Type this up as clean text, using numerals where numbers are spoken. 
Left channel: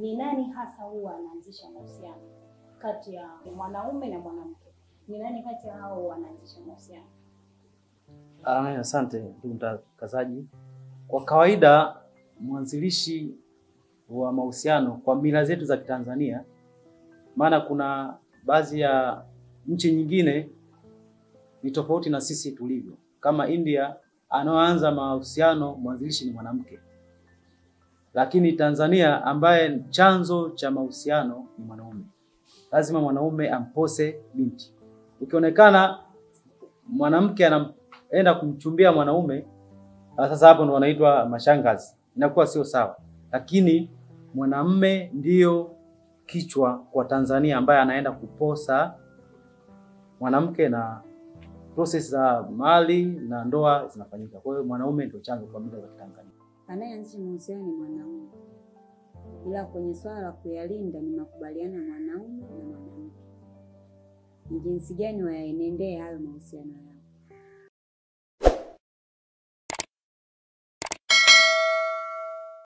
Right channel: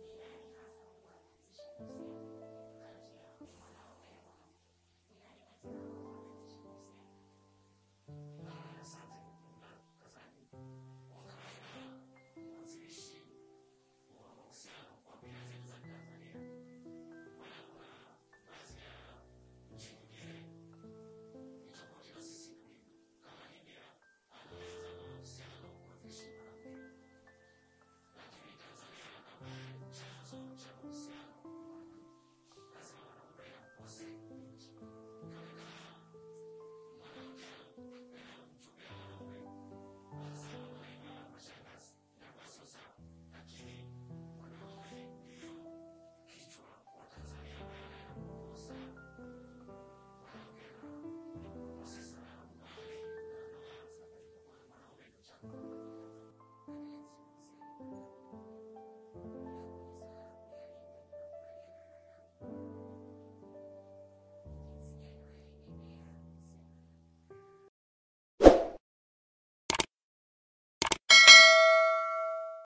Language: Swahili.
ni nani hasa huwa anaanzisha mahusiano kati ya mwanaume na mwanamke? Ni nani kati ya hao wanaanzisha mahusiano? Asante ndugu mtangazaji. Kwa kawaida mwanzilishi wa mahusiano kwa mila zetu za Kitanzania, maana kuna baadhi ya nchi nyingine ni tofauti na sisi tulivyo. Kama India, anaoanza mahusiano mwanzilishi ni mwanamke. Lakini Tanzania, ambaye chanzo cha mahusiano ni mwanaume, lazima mwanaume ampose binti. Ukionekana mwanamke anaenda kumchumbia mwanaume, sasa hapo ndo wanaitwa mashangazi. Inakuwa sio sawa. Lakini mwanamume ndio kichwa kwa Tanzania ambaye anaenda kuposa mwanamke na process za mali na ndoa zinafanyika. Kwa hiyo mwanaume ndio chanzo kwa mila za Tanzania. Anayeanzisha mahusiano ni mwanaume. Ila kwenye swala la kuyalinda ni makubaliano ya mwanaume na mwanamke. Ni jinsi gani wayaenendee hayo mahusiano yao.